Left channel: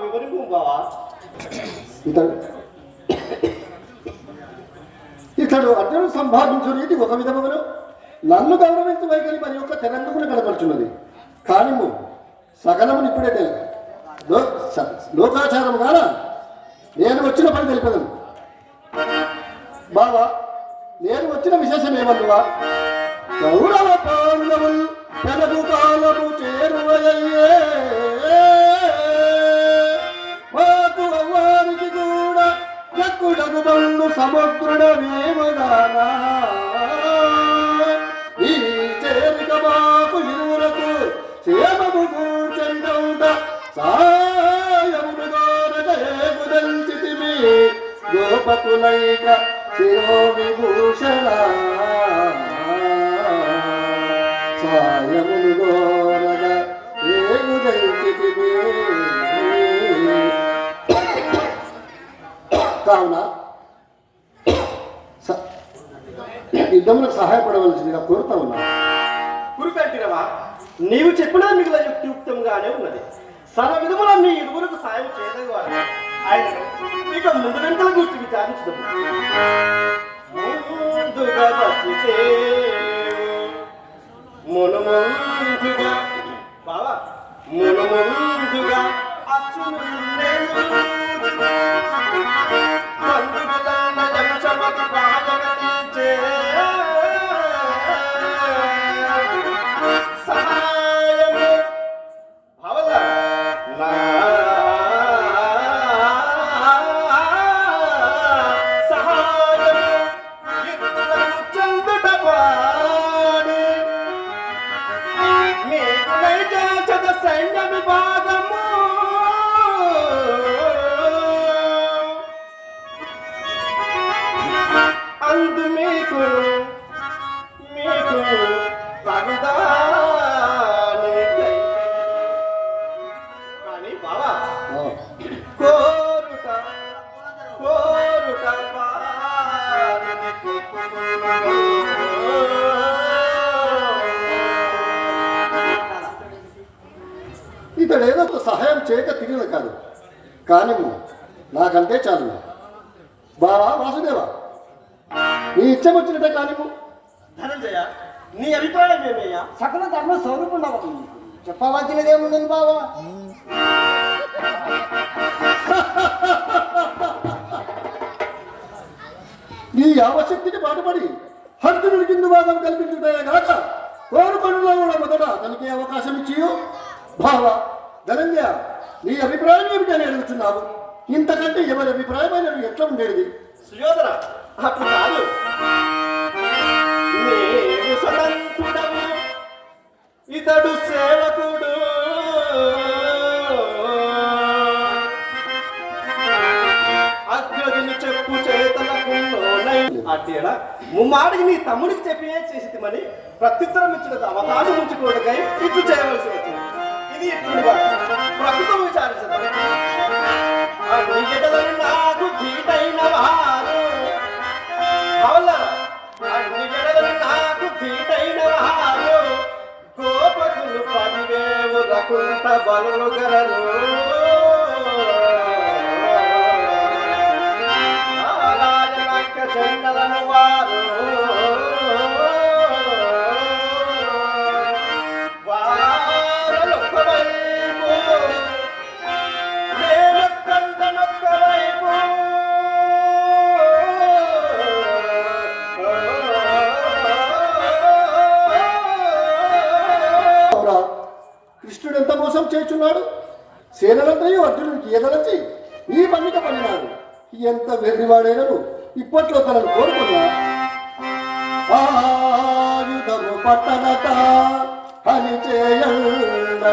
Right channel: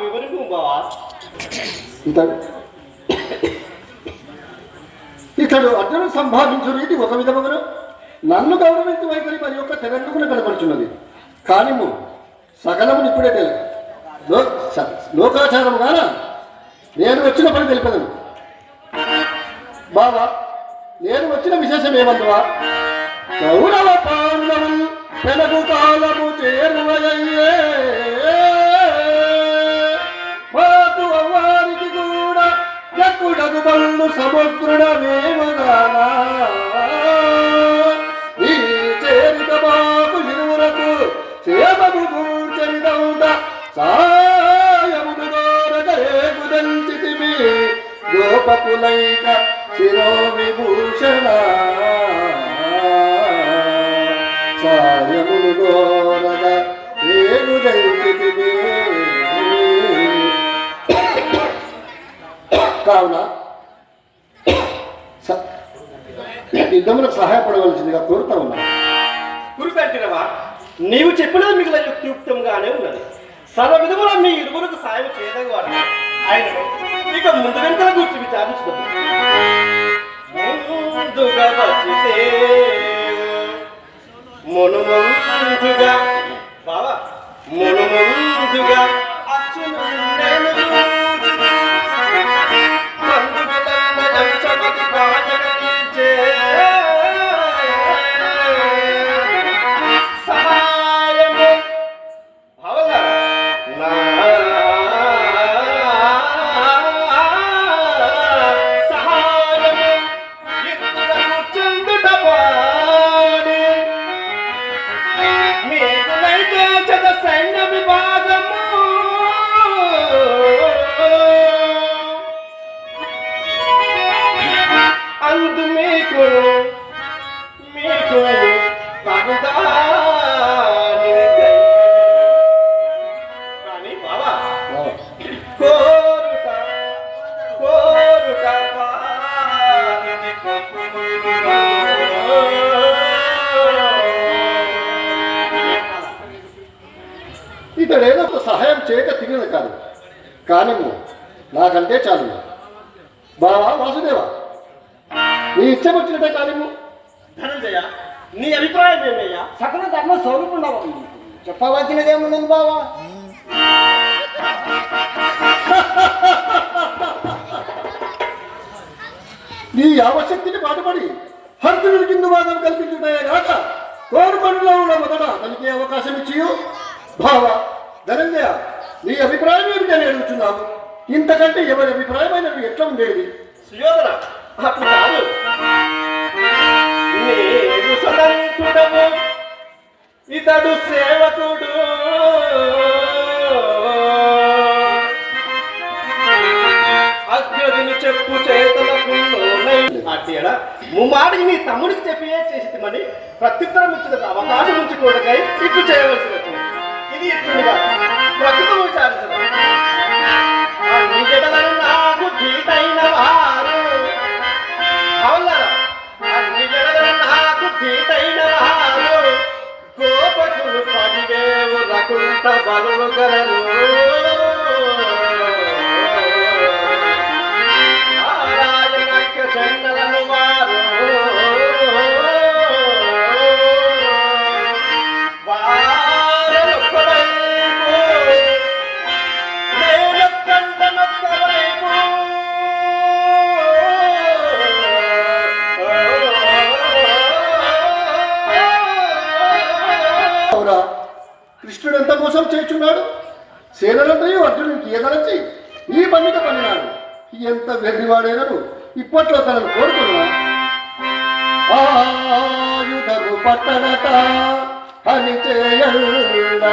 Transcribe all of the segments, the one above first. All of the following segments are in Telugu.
వివరింపు బావా. ఇతడు అర్జునుడు సంభావించు రీతి ఒక విధముగా నన్ను గౌరవించు వైఖరి మరి యొక్క తెరంగున కనపడుచున్నది. కానీ సకలము ఇప్పుడే తెలియదు లోకాచారం కాన నేను వచ్చిన పని తెలిపదు. బాబా నేను వచ్చిన విశేషం ఏమందువా, కౌరవ పాండవులు తెలుగు కాలము చేరువయ్యే మాకు అవ్వారికి కూడా ఎప్పుడగు బండు సముద్రుడమేమగానా ఈ చేరిక మాకు ఇరువురకు సేవకు కూర్చొనిదౌట సాయమును దోరగరేగుదంచితిమి గోపకులైక శిరో విభూషణ సాయమును దోరగ రేగుదంచితిమి. కావున యుద్ధములకు సహాయపడవలసిందిగా కోరుతా ఉన్నా. గురుపెట్టినవా, నీవు చెప్పినది మిగిలిన యుక్తియుక్తంగానే ఉన్నది. సర్వ విధముల మీ ఇరువురికి సాయం చేయదగవాడు ఆయన. ఇక ముందు వెంటనే గురించి విచారించుదాం. ముందుగా మునుముందుగా బావా మునుముందుగా అచ్చును నేను సైన్య విభాగము అందు మీకు కానీ బావా కోరుట ఇతడేదో ఒక సహాయం చేయక తిరిగిన కాదు, కానీ నాకంటే చాలు. బావా వాసుదేవ, నీ ఇచ్చం వచ్చినట్టే కానీ ధనంజయ, నీ అభిప్రాయం ఏమయ్యా? సకల ధర్మ స్వరూపుండవు చెప్పవలసినదేమున్నది బావా. నీ యావశక్తిని పాటుపడి హర్జునుడి కింద భాగం కల్పించుటే కాక కోరుకొండలో కూడా మొదట తనకి అవకాశం ఇచ్చియు. బావా ధనంజయ, నీ అభిప్రాయం ఏమిటని అడుగుతున్నావు? ఇంతకంటే ఎవరి అభిప్రాయమైన ఎట్లా ఉండేది? సుయోధన, అప్పుడు కాదు. నీవు సదంతుడము, ఇతడు సేవకుడు. అగ్రదిని చెప్పు చేతలకు అట్టేడా ముమ్మాటికి నీ తమ్ముడికి చెప్పియే చేసిమని ప్రత్యుత్తరం ఇచ్చిన అవకాశం ఉంచుకోవడకై ఇట్లు చేయవలసి వచ్చింది. ఇది ఇట్లుగా ప్రకృతం విచారించదు. అన్ని జడలను నాకు ధీటైన వారు అన్ని జడలను నాకు ధీటైన వారు గోపకులు 10,000 రకుంట బలులు గలరు. చెండలను వారు వారొక్క వైపు నేనొక్కంటనొక్క వైపు కృష్ణుడు ఎంత మోసం చేస్తున్నాడు. సేనలంతయు అర్జునుడికి ఎదరచి ఈ పన్నిక పన్నినాడు. ఎంత వెర్రివాడైనను ఇప్పట్లో తనను కోరుకున్నా. ఆయుధము పట్టనట అని చేయట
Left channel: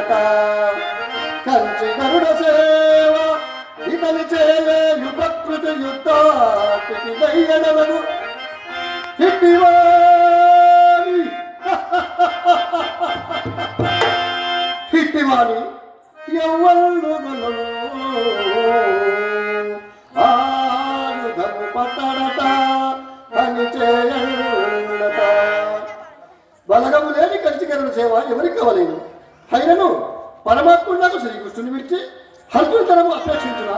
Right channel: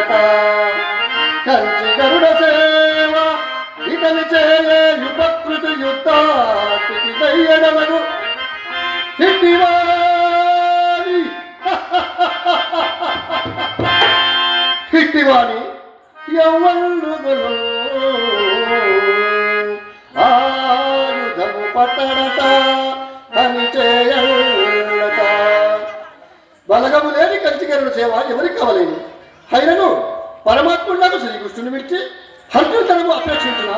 కంచి గరుడ సేవ ఇతని చేయు ప్రకృతి యుద్ధానికి దయ్యడమను హిట్టివాణి హిట్టివాణి ఎవ్వరుగను ఆయుధము పట్టడట అని చేయట. బలగము లేని కంచిగరుడు సేవ ఎవరికి కావలేను. అయినను పరమాత్ముడు నాకు శ్రీకృష్ణుని విడిచి హర్షతనము అపేక్షించిన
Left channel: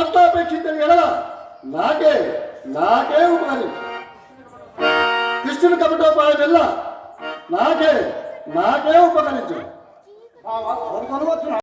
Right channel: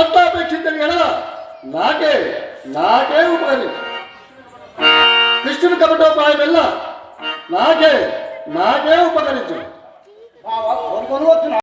అట్లా అపేక్షించని ఎడల నాకే ఉపకరించు. కృష్ణుని కపటోపాయం వెళ్ళ నాకే ఉపకరించు. బావా కోరుకొని వచ్చిన